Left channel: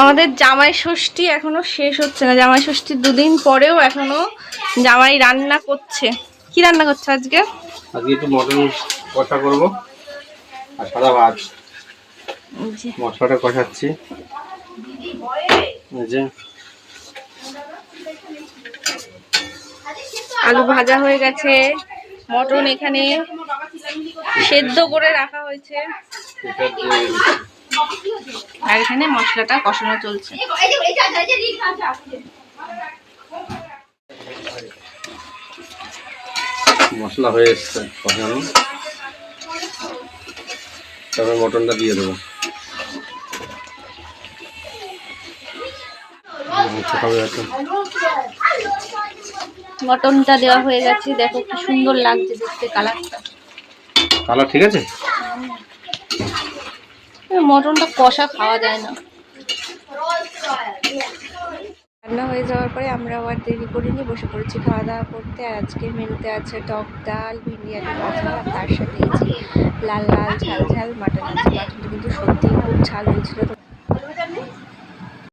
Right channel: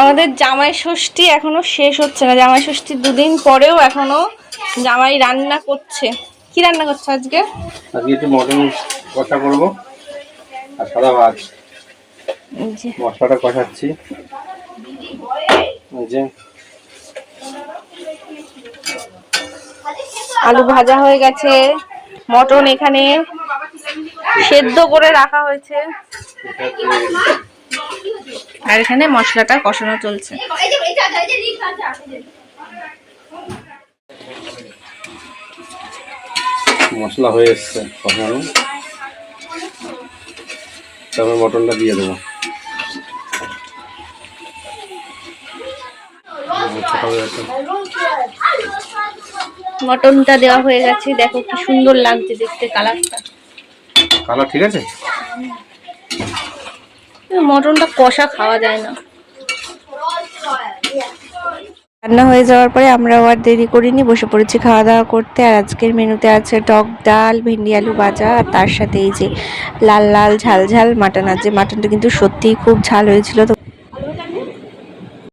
আমাদের জামাই ষষ্ঠী এখনো শেষ হচ্ছে না, জামাই ষষ্ঠীর 2 দিন পরেও এখনো জামাই রান্না করছে। কি রান্না করছে আজকে? আজকে একটু মটন কষা করব আর সাদা ভাত। মশলাটা কষাচ্ছি। এই যে আলু ভাজা হয়ে গেছে, মটন এখানে সেদ্ধ করে রাখা হয়েছে, আর এখানে মশলাটা কষানো চলছে। মশলা হয়ে এসছে কষানো, তারপরে মটনটা দিয়ে দেবো। মটনটা দেওয়া হয়ে গেছে, দেখো কি সুন্দর লাগছে দেখতে, কালারটা। কালার ঠিক আছে। মটনটা কষা খাওয়া যায় না। রান্না হয়ে যাওয়ার পরে আমরাও আর দেরি করিনি, বসে পড়েছি খাওয়া দাওয়া করতে। আর আজকের মেনুতে আছে টক ডাল, ভেন্ডি আলু ভাজা, আর তার সাথে এই যে লাল লাল ঝাল ঝাল মাটন আছে। মাটনটা কিন্তু সত্যিই খুব ঝাল হয়েছিল। তো